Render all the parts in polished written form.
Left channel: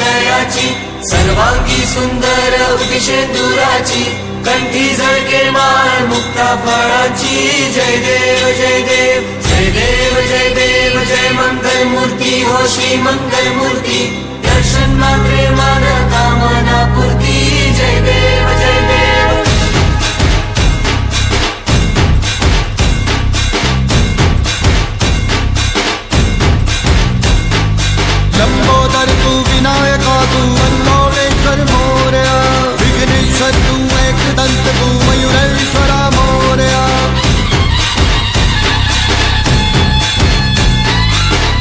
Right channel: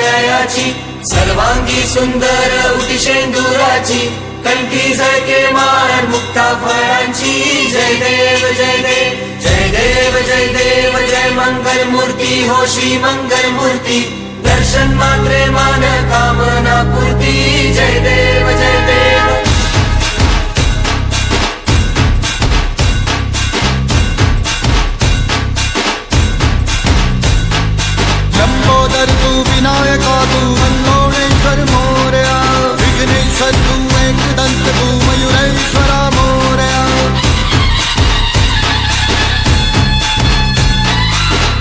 जयाची सर्वांगी सुंदर उदिशेंदुराची कंठी झळके माळ मुक्ता फळांची जय देव जय देव जय देव जय देव जय मंगल मूर्ती हो श्री मंगल मूर्ती दर्शन मात्रे मन कामना पूर्ती जय देव जय देव लंबोदर तू विनायका तू वल्लोळेश्वर मोरया विघ्नेश्वर तू एकदंत तू मयुरेश्वरा मोरया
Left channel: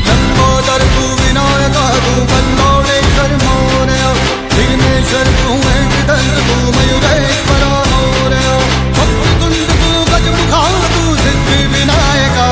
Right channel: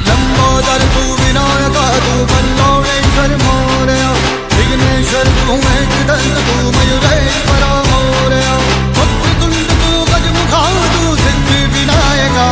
लंबोदर तू विनायका तू वल्लोळेश्वर मोरया विघ्नेश्वर तू एकदंत तू मयुरेश्वरा मोरया वक्रतुंड तू गजमुखा तू सिद्धी विनायका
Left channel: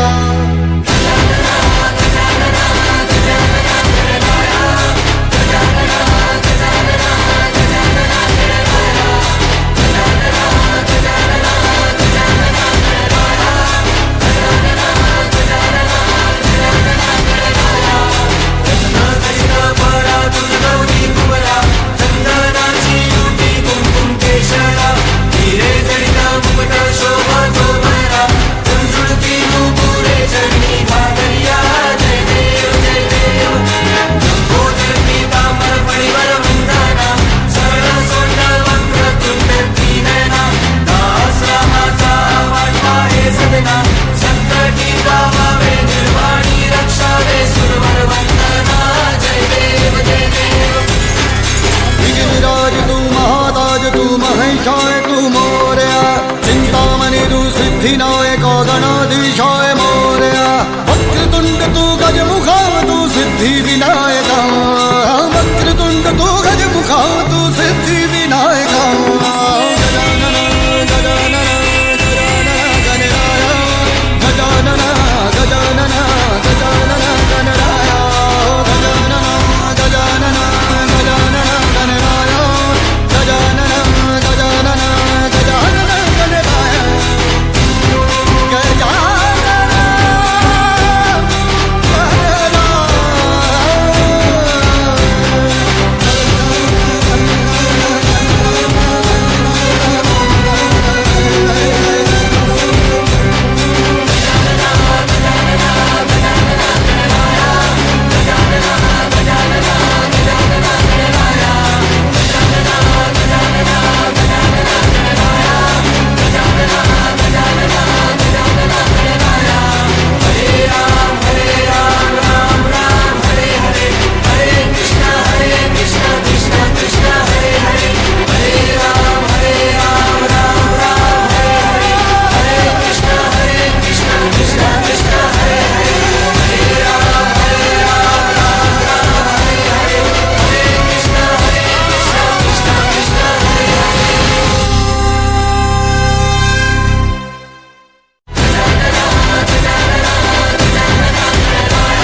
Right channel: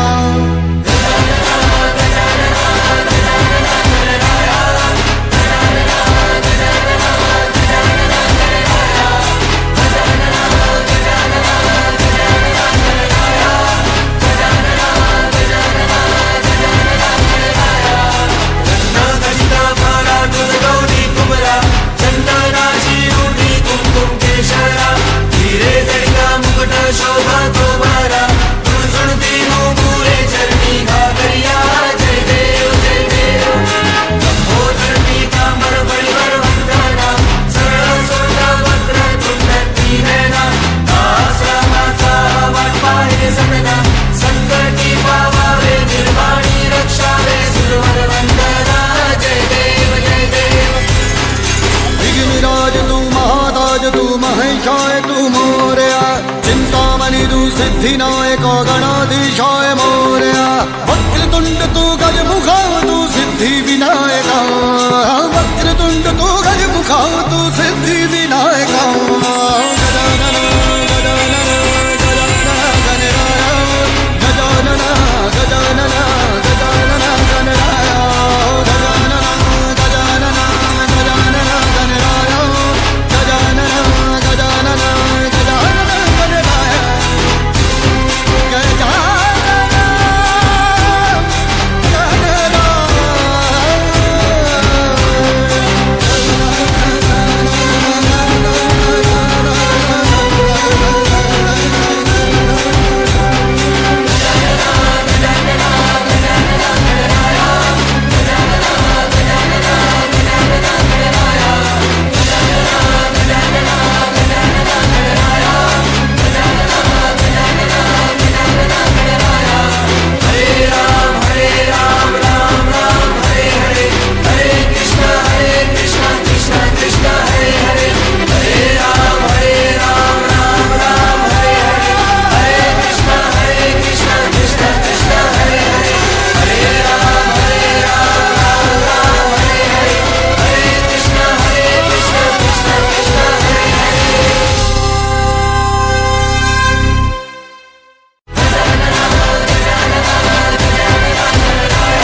तू महाताज तू महेशाय तू मोरया चिंतामणि तू सिद्धिनायक गणाधीशाय मोरया वक्रतुंड तू गजमुखा तू सिद्धि विनायका वक्रतुंड तू गजमुखा तू सिद्धि विनायका गजानन